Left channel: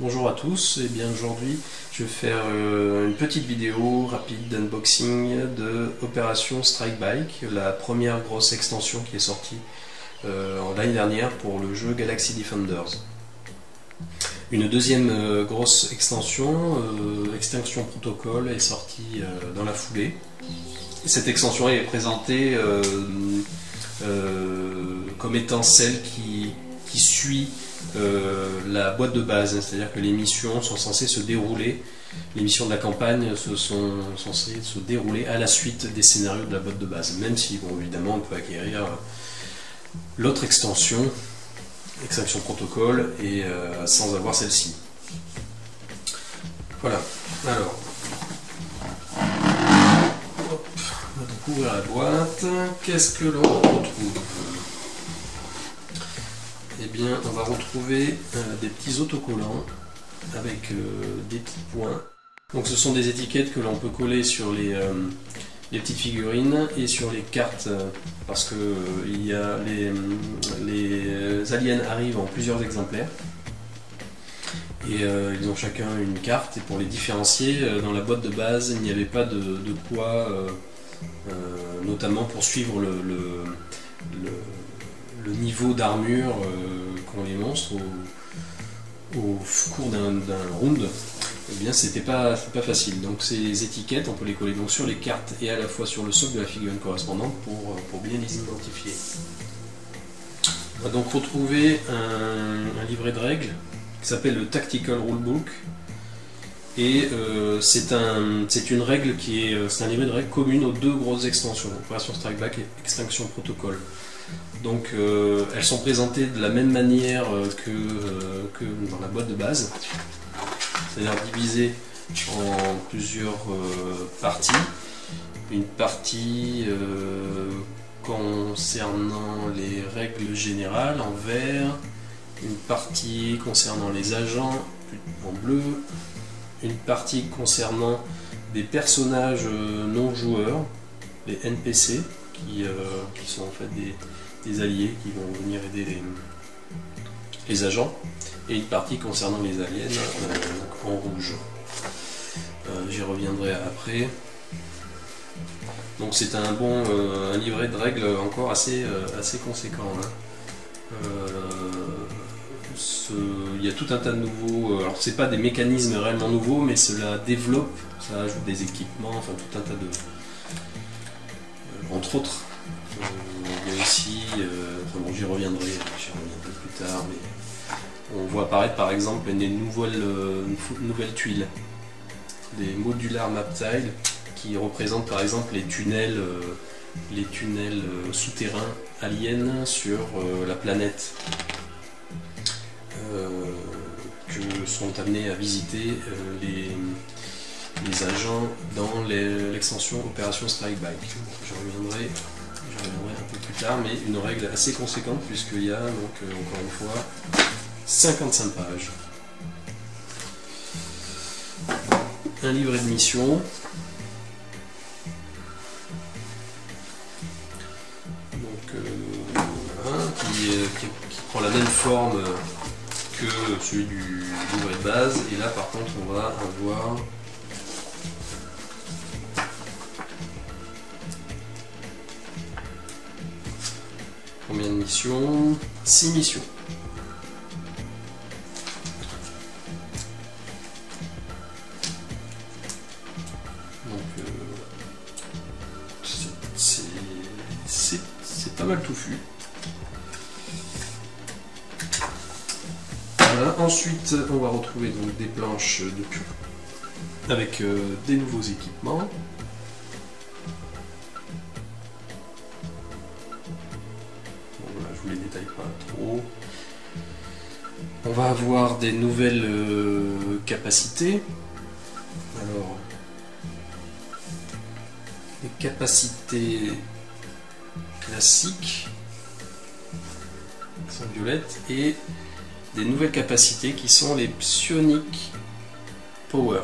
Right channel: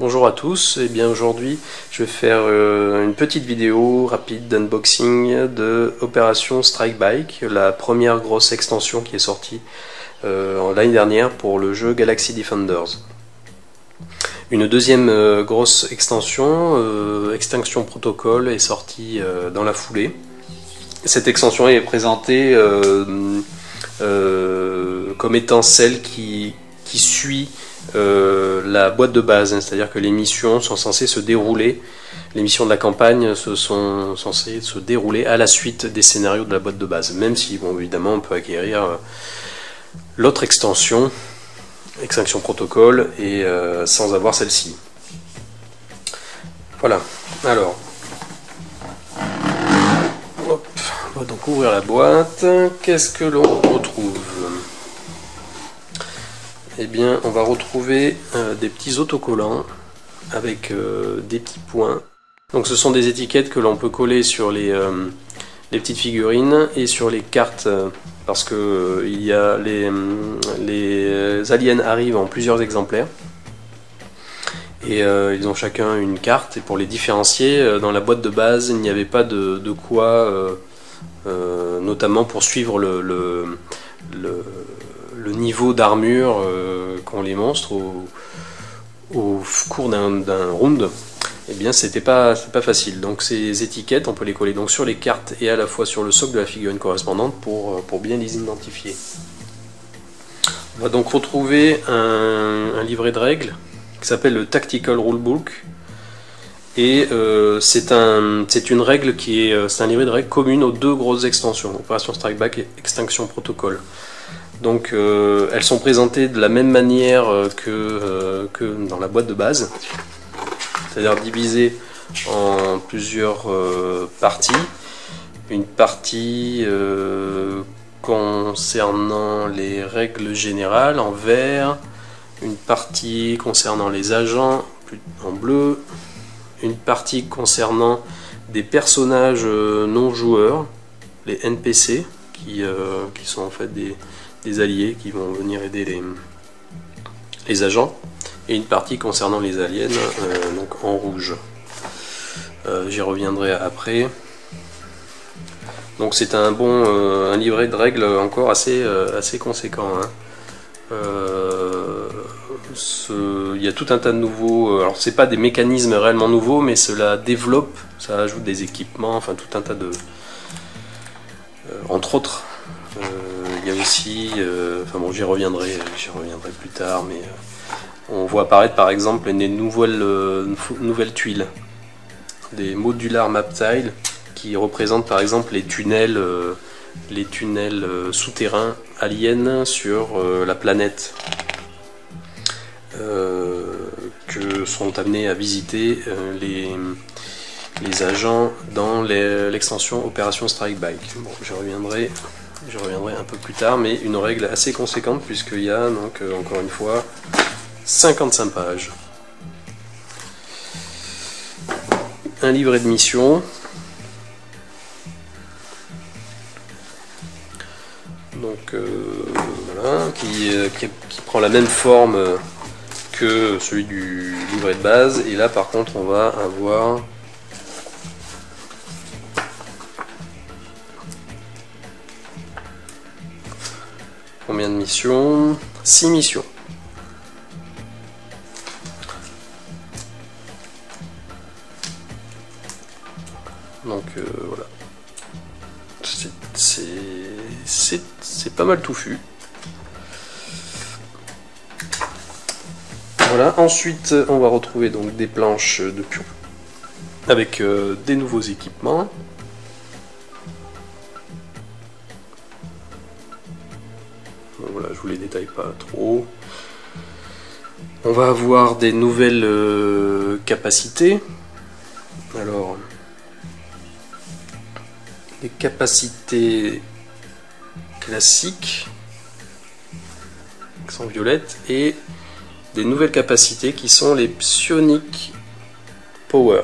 Bonjour à tous, et bien aujourd'hui je vais faire une petite vidéo rapide d'unboxing de Opération Strike Bike, la première grosse extension qui est sortie l'année dernière pour le jeu Galaxy Defenders. Une deuxième grosse extension, Extinction Protocol, est sortie dans la foulée. Cette extension est présentée comme étant celle qui suit la boîte de base, hein, c'est-à-dire que les missions sont censées se dérouler, les missions de la campagne sont censées se dérouler à la suite des scénarios de la boîte de base, même si bon, évidemment on peut acquérir l'autre extension, Extinction Protocol, et sans avoir celle-ci. Voilà, alors hop, on va donc ouvrir la boîte. Qu'est-ce que l'on retrouve? Eh bien, on va retrouver des petits autocollants avec des petits points. Donc ce sont des étiquettes que l'on peut coller sur les petites figurines et sur les cartes, parce que les aliens arrivent en plusieurs exemplaires. Et ils ont chacun une carte, et pour les différencier, dans la boîte de base, il n'y avait pas de quoi, notamment pour suivre le niveau d'armure qu'ont les monstres au cours d'un round. Eh bien c'était pas facile. Donc ces étiquettes, on peut les coller donc sur les cartes et à la fois sur le socle de la figurine correspondante pour bien les identifier. On va donc retrouver un livret de règles qui s'appelle le Tactical Rulebook, et c'est une règle c'est un livret de règles commune aux deux grosses extensions, Opération Strike Back et Extinction Protocol. Donc elles sont présentées de la même manière que dans la boîte de base, c'est-à-dire divisées en plusieurs parties. Une partie concernant les règles générales en vert, une partie concernant les agents en bleu, une partie concernant des personnages non joueurs, les NPC, qui sont en fait des alliés qui vont venir aider les agents, et une partie concernant les aliens, donc en rouge. J'y reviendrai après. Donc c'est un livret de règles encore assez conséquent, hein. Il y a tout un tas de nouveaux, alors c'est pas des mécanismes réellement nouveaux, mais cela développe, ça ajoute des équipements, enfin tout un tas de... entre autres, il y a aussi, enfin bon, j'y reviendrai plus tard, mais on voit apparaître par exemple des nouvelles tuiles, des modular map tiles, qui représentent par exemple les tunnels souterrains aliens sur la planète, que sont amenés à visiter les agents dans l'extension Opération Strike Bike. Bon, j'y reviendrai un peu plus tard, mais une règle assez conséquente, puisqu'il y a donc encore une fois 55 pages. Un livret de mission. Donc voilà, qui prend la même forme que celui du livret de base, et là par contre on va avoir combien de missions? 6 missions. Donc voilà, c'est pas mal touffu. Voilà, ensuite on va retrouver donc des planches de pion avec des nouveaux équipements. Donc voilà, je vous les détaille pas trop. On va avoir des nouvelles capacités. Alors, des capacités classiques qui sont violettes, et des nouvelles capacités qui sont les Psionic Power.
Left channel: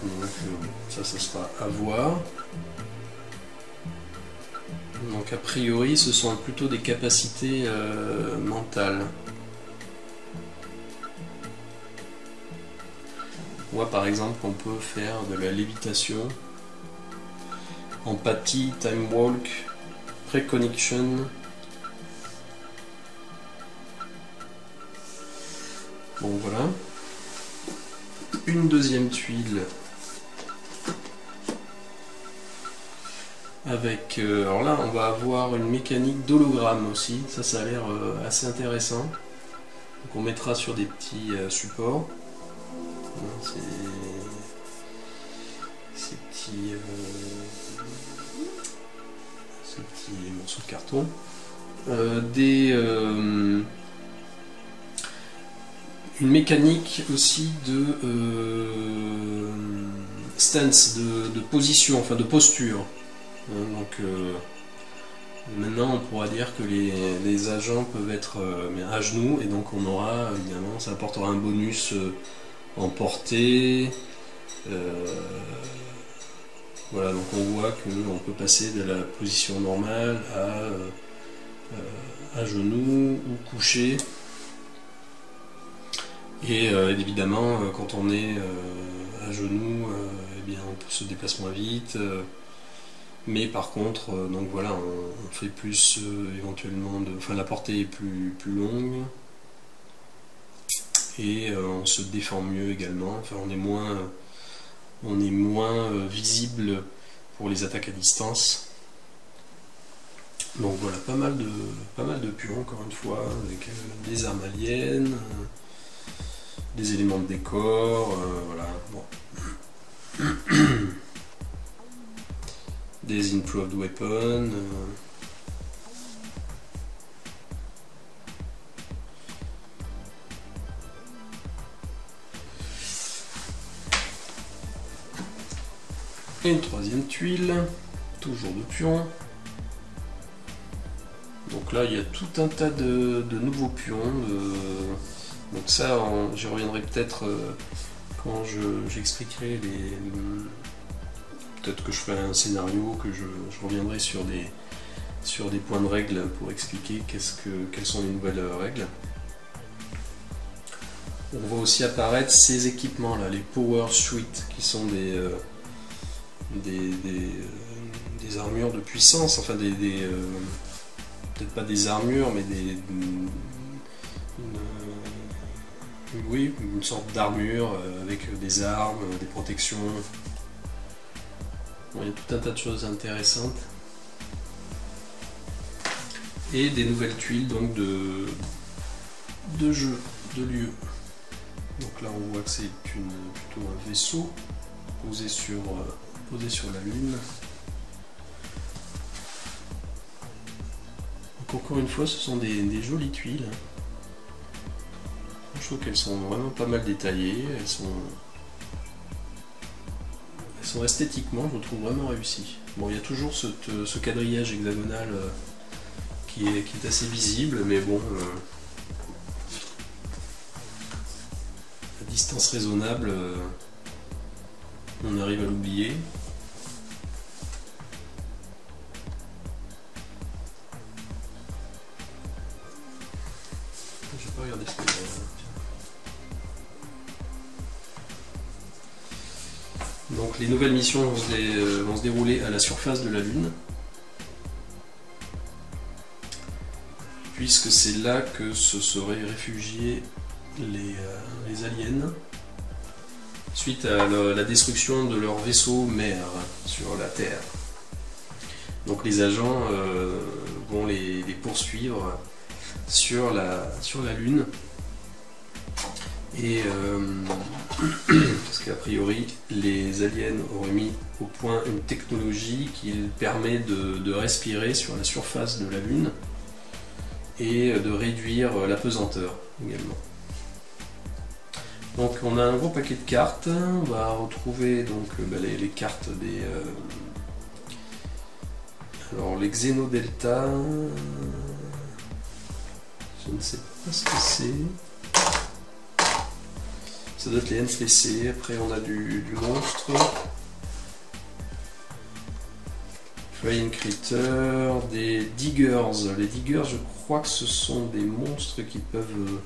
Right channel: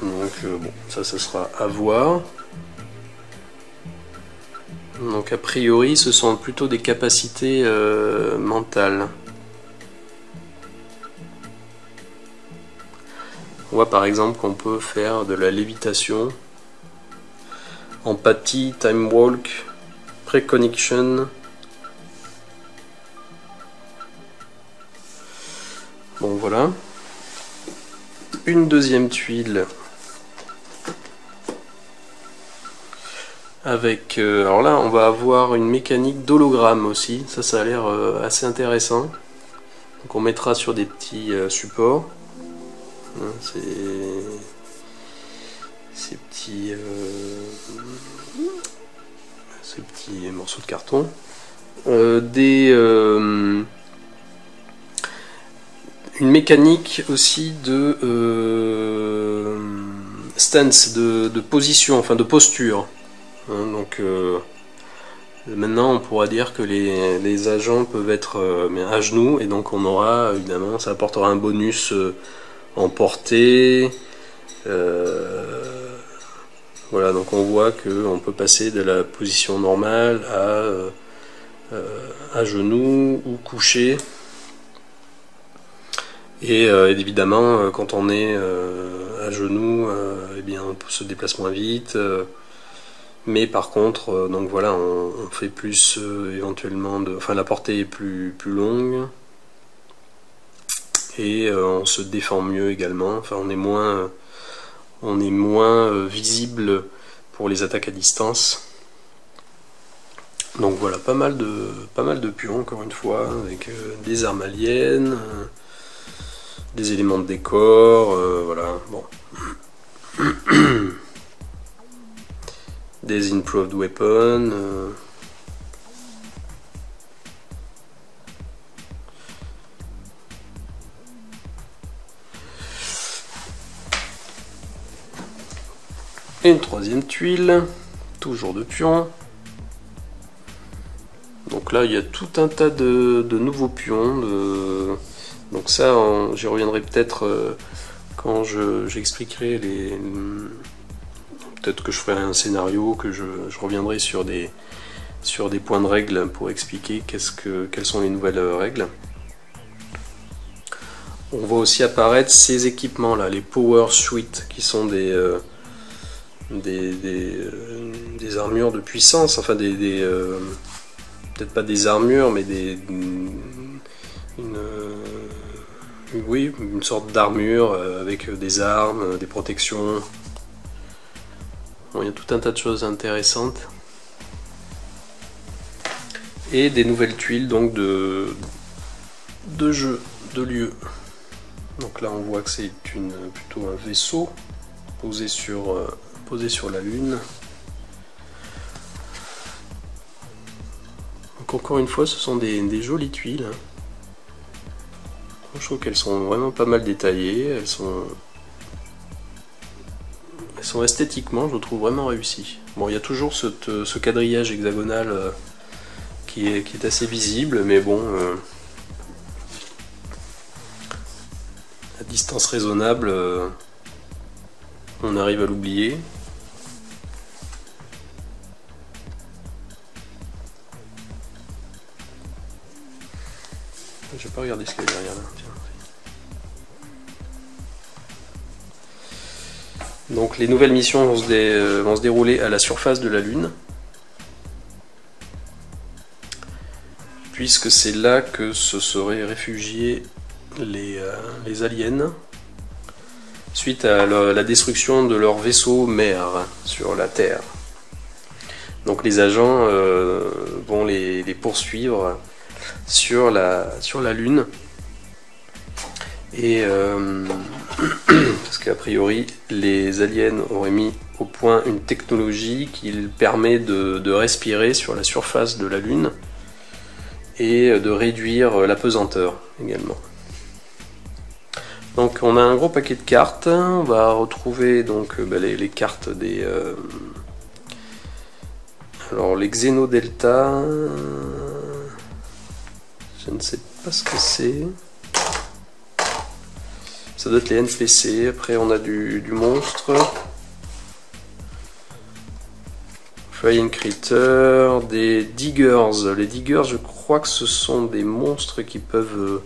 Donc bon, ça sera à voir. Donc a priori ce sont plutôt des capacités mentales. On voit par exemple qu'on peut faire de la lévitation, empathie, time walk, precognition. Bon voilà. Une deuxième tuile avec... alors là on va avoir une mécanique d'hologramme aussi, ça a l'air assez intéressant. Donc on mettra sur des petits supports. Ces petits morceaux de carton. Une mécanique aussi de stance, de position, enfin de posture. Donc maintenant on pourra dire que les agents peuvent être à genoux, et donc on aura évidemment, ça apportera un bonus en portée. Voilà, donc on voit qu'on peut passer de la position normale à genoux ou couché. Et évidemment, quand on est à genoux, eh bien, on se déplace moins vite. Mais par contre, donc voilà, on fait plus éventuellement enfin la portée est plus longue. Et on se défend mieux également. Enfin, on est moins visible pour les attaques à distance. Donc voilà, pas mal de pions encore une fois, avec des armes aliens, des éléments de décor, voilà, bon. Des improved weapons. Et une troisième tuile, toujours de pions. Donc là il y a tout un tas de nouveaux pions. Donc ça j'y reviendrai peut-être quand j'expliquerai les... Peut-être que je ferai un scénario, que je reviendrai sur des points de règle pour expliquer quelles sont les nouvelles règles. On voit aussi apparaître ces équipements là, les Power Suite, qui sont des armures de puissance, enfin peut-être pas des armures, mais une sorte d'armure avec des armes, des protections. Bon, il y a tout un tas de choses intéressantes. Et des nouvelles tuiles donc de jeu, de lieu. Donc là on voit que c'est plutôt un vaisseau posé sur la Lune. Donc encore une fois ce sont des jolies tuiles. Je trouve qu'elles sont vraiment pas mal détaillées, elles sont esthétiquement, je le trouve vraiment réussi. Bon, il y a toujours ce quadrillage hexagonal qui est assez visible, mais bon, à distance raisonnable, on arrive à l'oublier. J'ai pas regardé ce qu'il y a derrière là. Donc les nouvelles missions vont se dérouler à la surface de la Lune, puisque c'est là que se seraient réfugiés les aliens, suite à la destruction de leur vaisseau mère sur la Terre. Donc les agents vont les poursuivre sur la Lune. Et parce qu'a priori les aliens auraient mis au point une technologie qui permet de respirer sur la surface de la Lune et de réduire la pesanteur également. Donc on a un gros paquet de cartes, on va retrouver donc les cartes des... alors les Xenodelta, je ne sais pas ce que c'est. Ça doit être les NPC, après on a du monstre. Flying Critter, des Diggers. Les Diggers, je crois que ce sont des monstres qui peuvent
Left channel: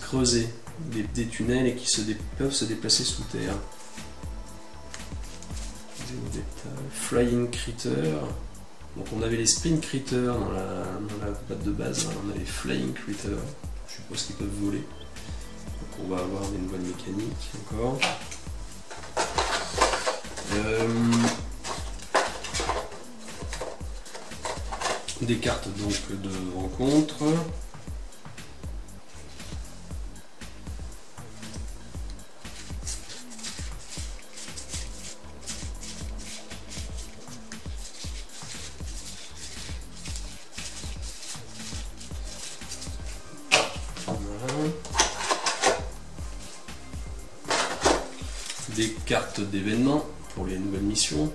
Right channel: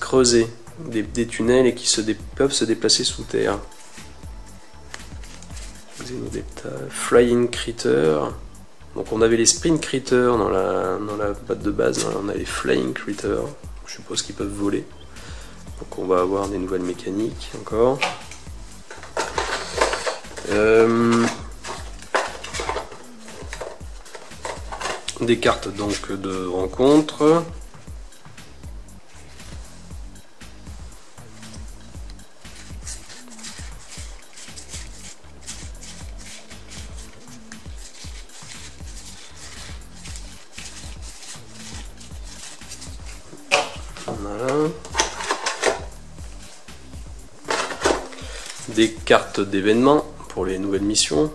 creuser. des tunnels et qui peuvent se déplacer sous terre. Flying Critter. Donc on avait les Sprint Critters dans la boîte de base, là, on a les Flying Critters, je suppose qu'ils peuvent voler. Donc on va avoir des nouvelles mécaniques encore. Des cartes donc de rencontre. Voilà. Des cartes d'événements pour les nouvelles missions.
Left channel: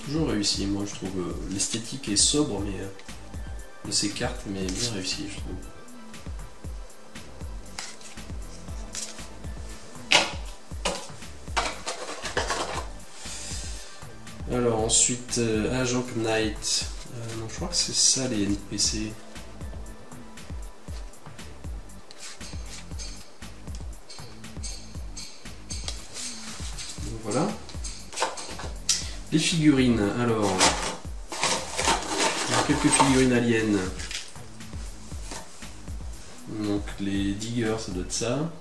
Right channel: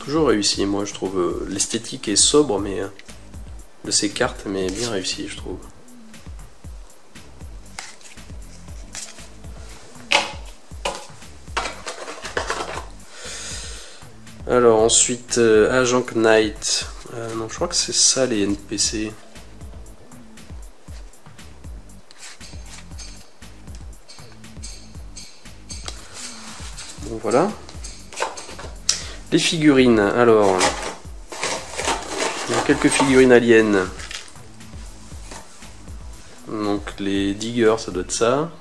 Toujours réussi, moi je trouve. L'esthétique est sobre mais de ces cartes, mais bien réussi je trouve. Alors ensuite, Agent Knight. Non, je crois que c'est ça les NPC. Bon, voilà. Les figurines, alors. Il y a quelques figurines aliens. Donc les diggers, ça doit être ça.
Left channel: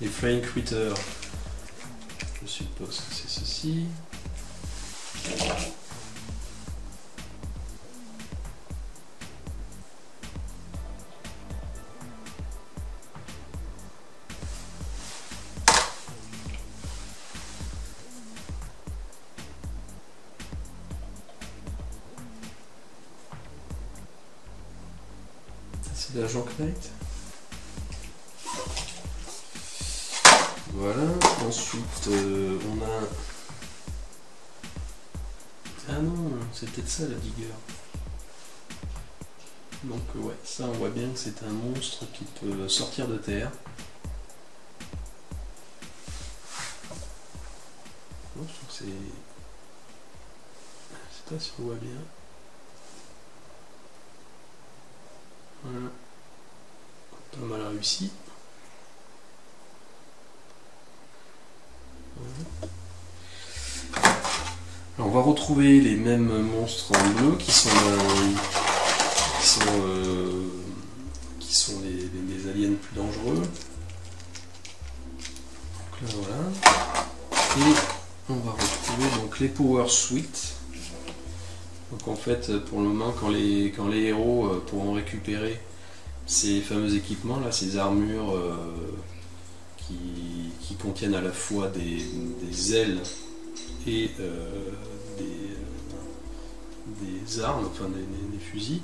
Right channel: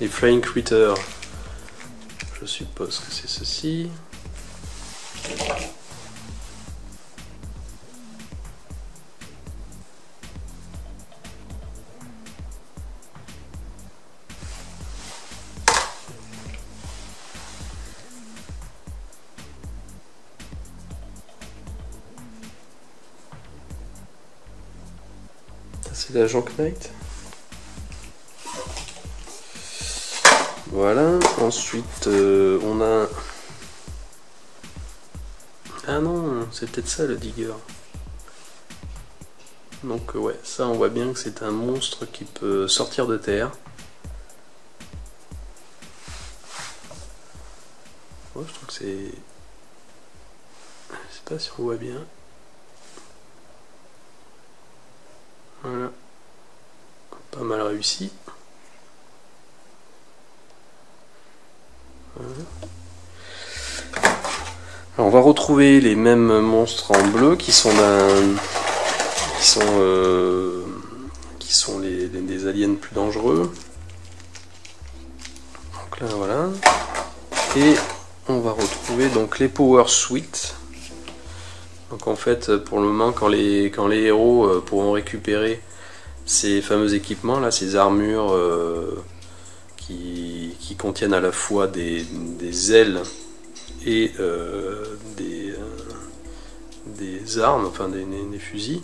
Les Flying Critters, je suppose que c'est ceci. C'est l'agent Knight. Voilà, ensuite on a... Ah non, c'est peut-être ça le digger. Donc ouais, ça on voit bien que c'est un monstre qui peut sortir de terre. Ouais, je trouve que c'est... Je sais pas si on voit bien. Voilà. Pas mal réussi. Alors on va retrouver les mêmes monstres en bleu qui sont des aliens plus dangereux. Donc là voilà. Et on va retrouver donc les Power Suite. Donc en fait pour le moment quand les héros pourront récupérer ces fameux équipements là, ces armures qui contiennent à la fois des ailes et des armes, enfin des fusils,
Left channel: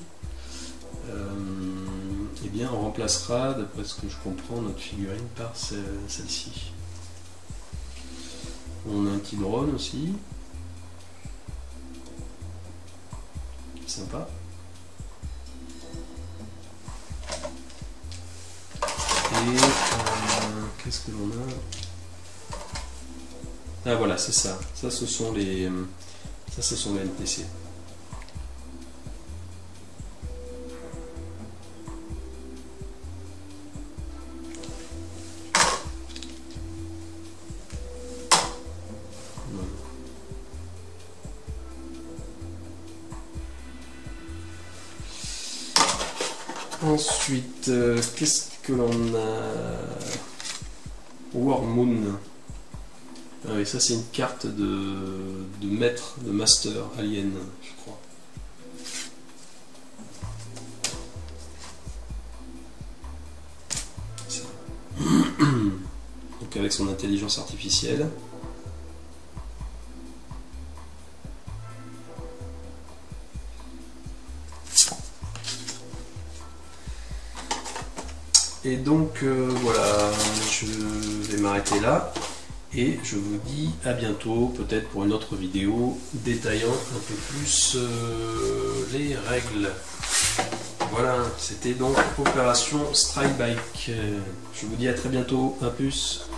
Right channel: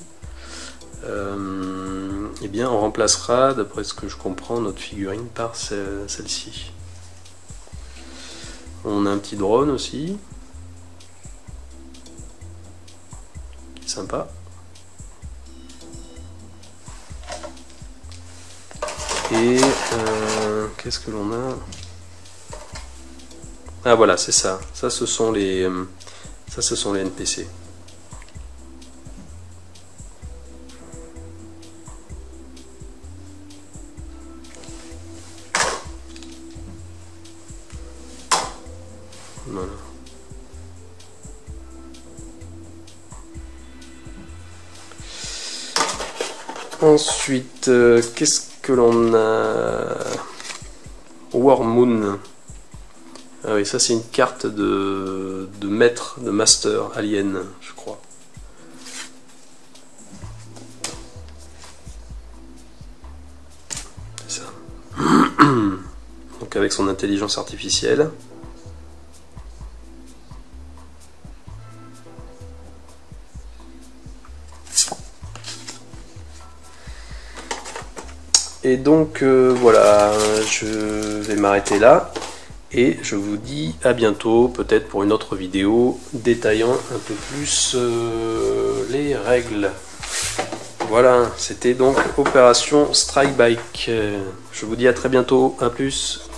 et bien on remplacera, d'après ce que je comprends, notre figurine par celle-ci. On a un petit drone aussi, qui est sympa. Et qu'est-ce que l'on a? Ah voilà, c'est ça. Ça ce sont les NPC. Voilà. Ensuite, qu'est-ce que l'on a? War Moon. Ah oui, ça c'est une carte de maître, de master alien, je crois. C'est ça. Donc avec son intelligence artificielle. Et donc voilà, je vais m'arrêter là. Et je vous dis à bientôt, peut-être pour une autre vidéo détaillant un peu plus les règles. Voilà, c'était donc Opération Strike Bike. Je vous dis à très bientôt, à plus.